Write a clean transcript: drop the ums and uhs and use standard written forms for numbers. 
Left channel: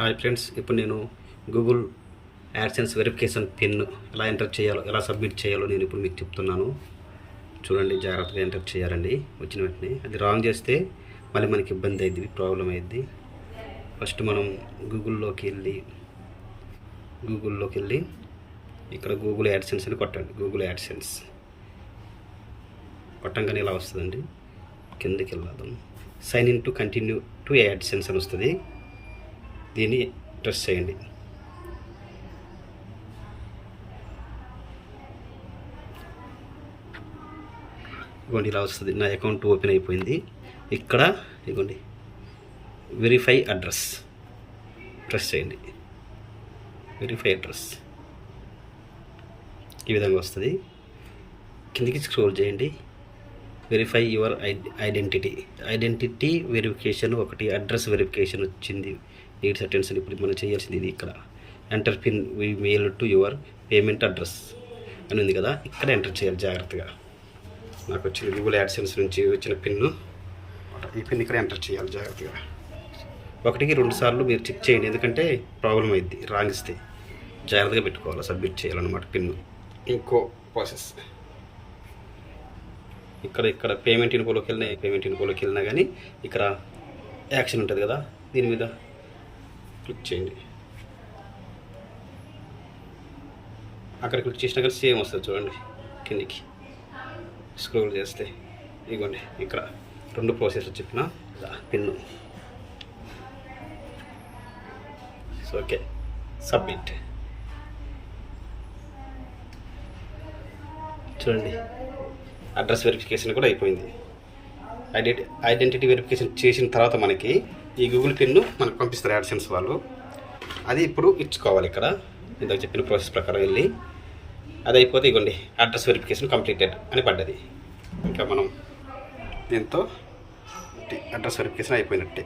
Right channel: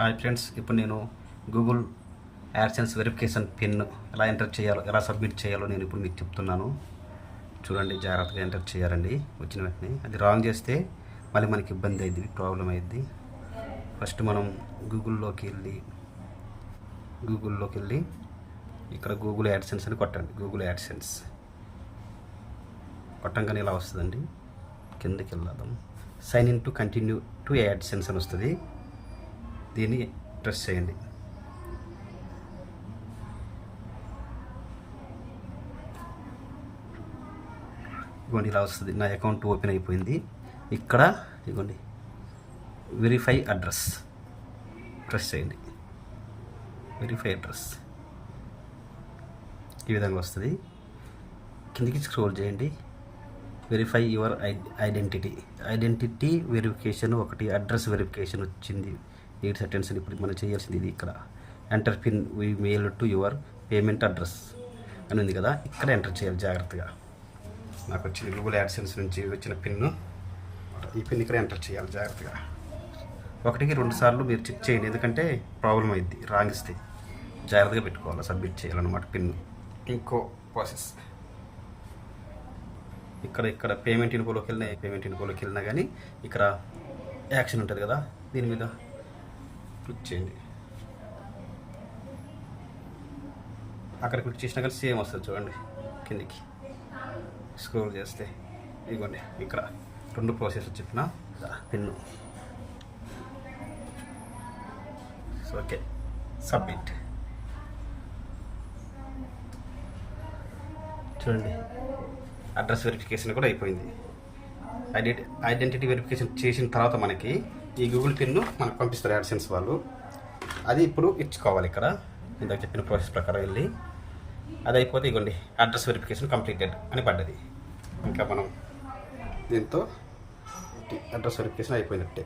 Hi friends, ఇప్పుడు నేను Google AdSense verification pin ఎలా ఎంటర్ చేయాలో, ఎలా సబ్మిట్ చేయాలో నేను ఇప్పుడు మీకు చెప్తున్నాను. చూడండి, జాగ్రత్తగా ఎంటర్ చేయాలండి. వచ్చిన వెంటనే అది రాంగ్ చేస్తే మళ్ళీ మనకి ఇబ్బంది అయింది, ప్రాబ్లం అయ్యింది. ఫస్ట్ మనం గూగుల్లోకి వెళ్ళి ఇక్కడ గూగుల్ యాడ్సెన్స్ అని కొట్టండి. గూగుల్ యాడ్సెన్స్ కొట్టంగానే ఇలా వస్తుందండి. కిందకి వెళ్ళాం, sign in to continue to AdSense అని వస్తుంది. దీన్ని ప్రెస్ చేయండి. ఇదిగోండి, ఇలా వస్తుంది. నా అకౌంట్ ఓపెన్ అయిపోయింది. ఇక్కడ ఇదిగోండి, వెరిఫై అడ్రస్ ప్రెస్ చేయండి. వెరిఫై అడ్రస్ ఈ విధంగా వస్తుంది. కిందికి స్క్రోల్ చేయండి. వెరిఫై యువర్ ఐడెంటిటీ వెరిఫికేషన్ ఒకటి, అడ్రస్ వెరిఫికేషన్ వచ్చింది. 8 సెకండ్స్. ఇప్పుడు మనం చేయాల్సింది ఇది. ఇక్కడ enter pin we mail to your payment address అని ఉంది కదా, ఇక్కడ ఎంటర్ చేయాలి జాగ్రత్తగా. నాకు వచ్చింది గూగుల్ యాడ్సెన్స్ నుంచి వచ్చిన పిన్ను. ఈ పిన్ ఇక్కడ ఎంటర్ చేయాలి జాగ్రత్తగా. 1కి 2 సార్లు మీరు చెక్ చేయండి, ఎందుకంటే ప్రాబ్లం అయింది రాంగ్ ఇస్తే. జాగ్రత్తగా పెట్టుకోవాలి, సబ్మిట్ చేయాలన్నమాట పిన్ను. ఇంకో ప్రాసెస్, ఇక్కడ పేమెంట్ ఇన్ఫోలోకి వెళ్ళినా కానీ ఇక్కడ యాక్షన్ ఉంటుంది కదా, దీని మీద క్లిక్ చేయండి. అక్కడ క్లిక్ చేసినా కానీ సేమ్ వస్తుంది. చూడండి, కిందికి స్క్రోల్ చేస్తే ఇదిగోండి, ఇక్కడ 2 ప్రాసెస్ చెప్పిన పిన్ను. So okay, submit. చూడండి, అడ్రస్ వెరిఫికేషన్ కూడా అయిపోయింది. ఐడెంటిటీ వెరిఫికేషన్ చేసిన తర్వాత మనకి ఈ గూగుల్ పిన్ను మనకు పంపిస్తారు యాడ్సెన్స్ వాళ్ళు. అది ఇప్పుడు ఇచ్చుకోవాలి. ఇక్కడ ఇందాక చెప్పిన ప్రాసెస్ ప్రకారం వెళ్ళి అది అయిపోతే ఇవ్వండి, అడ్రస్ వెరిఫికేషన్ కంప్లీటెడ్ అని పడ్డది. ఇంకా మనం దీంతో అడ్రస్ వెరిఫికేషన్ అయిపోయినట్టే.